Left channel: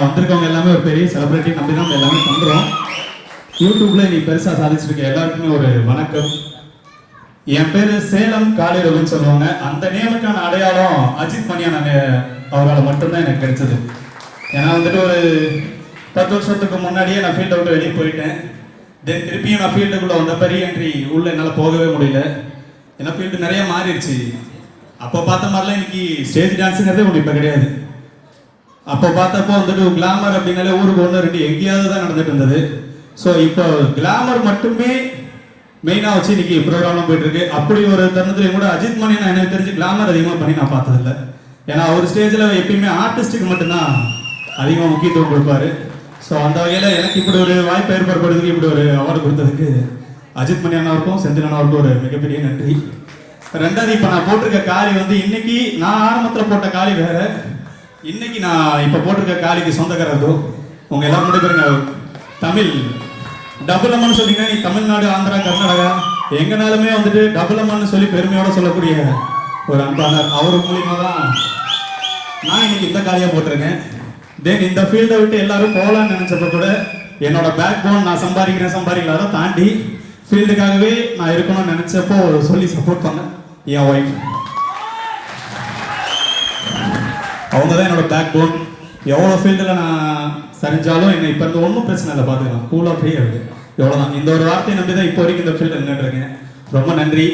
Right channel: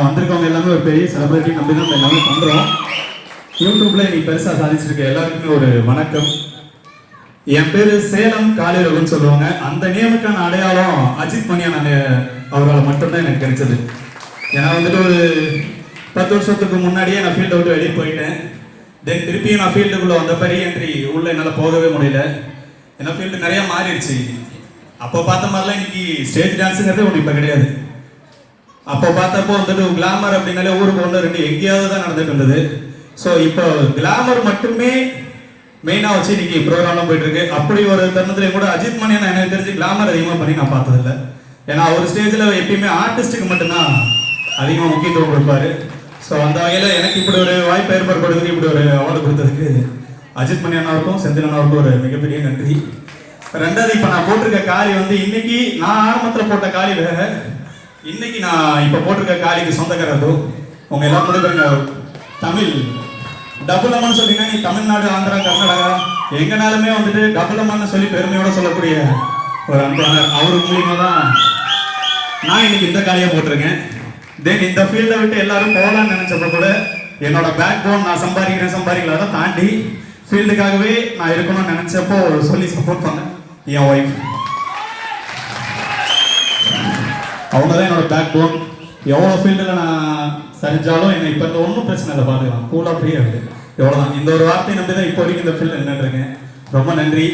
வந்திருக்கவங்க எல்லாமே ஒரு பெரிய செலிபிரிட்டி நம்பி தான் எல்லாமே பண்ணுறோம் யூடியூப்ல நீ பெருசா சாதிச்சிட்டு இருக்க எல்லாருக்குமே ஒரு வணக்கம். என் பேரு சேலம் காளிரவன் சொல்லுவாங்க. அந்த நேமுக்கான அடையாளம் அஜித் மணியன் அவரால் மட்டும்தான் எனக்கு கிடைச்சது. ஏன்னா வந்துட்டு ஒரு பத்து வருஷத்துக்கு முன்னாடியே நான் ஃபீல்டை விட்டு வெளியே போயிட்டேன். தென் திருப்பியும் நான் ஃபீல்டுக்குள்ள வந்த பெரிய என்ட்ரி உள்ள என்னால் போகவே முடியல. ஏன்னா ஃபீல்டு நிறைய மாறிடுச்சு. அப்போ பார்த்த மாதிரிலாம் இன்னைக்கு ஸ்டேஜ் டான்ஸுங்கிறதே ஒன்று இப்போ கிடையாது. அப்போ பார்த்தப்போ வந்துட்டு கிளாமர் அப்படின்னாலே ஊருக்கு ஒன்று ரெண்டு எங்கேயாவது தான் நடந்துட்டு இருந்தது. ஸோ இப்போ கிளாமர் மட்டுமே மெயினாக வச்சு இன்னைக்கு ப்ரோக்ராம்லாம் போயிட்டு இருக்கு அப்படி ஒரு தருணத்துல கூட அஜித் மணியன் எனக்கு தெரிஞ்சு கிளாமர் அதிகமாக பண்ணி நான் பார்த்ததில்ல. ஏன்னா அவர் ஸ்டேஜில் எப்பயுமே ஆர்டிஸ்ட்டுக்கு மட்டும்தான் அதிகமாக முக்கியத்துவம் கொடுப்பாரு. ஸோ அந்த வகையில் எனக்கு இப்படி ஒரு வாய்ப்பு ஏற்படுறதுக்கு இப்படி ஒரு அவார்டு கொடுத்ததுக்கு அஜித் மணி அண்ணாவுக்கும் செந்தில் அண்ணாவுக்கும் ஒரு மிகப்பெரிய நன்றி. ரெண்டாவது இப்போ நான் போட்டிருக்க காரி வந்து இன்னைக்கு நான் ஆரம்பத்தில் போட்ட காரி வேற. இன்னைக்கு நான் இப்போ போட்டிருக்க காலிக்கு சொந்தக்காரர் உங்க எல்லாம் கூட தமிழ். டபுள் அம்மன் சொன்னீங்கன்னா நீ தமிழ்நாடு ஆந்திரா கர்நாடகா. எங்கனாலுமே வந்துட்டு டபுள் அம்மன் சொல்லி பெருமையோட சொல்லக்கூடிய ஒரு அன்பாளர். அவர் மூலியமா தான் நான் இன்னைக்கு இந்த காலியாக போட்டிருக்கேன். தென் இந்த ஃபீல்டை விட்டு எல்லாரும் போகலாம்னு நினைச்சப்ப கூட என்னோட பேக் போன் நான் சம்பாதிக்கிறேன் சம்பாதிக்கலாம் தாண்டி ஃபீல்டுக்காகவே நான் இருக்கணும்னு நினைச்சப்போ சொல்லி சப்போர்ட் பண்ணேன். என் ஒய்ஃப் அவங்க தான் என்னோட பேக் போன் எவ்வளோ ஃபீல்டில் நான் சரிஞ்சாலும் என்னை இப்போ இந்த ஒன்றும் பிரச்சனை இல்லை பார்த்துக்கலாம் கூலாக ஃப்ரீயாக இருக்குது எவ்வளோ தான் இந்த ஒரு வார்த்தையை நம்பி தான் இப்போ வரைக்கும் இந்த ஃபீல்டில் நின்றுருக்கேன் ரொம்ப நன்றி.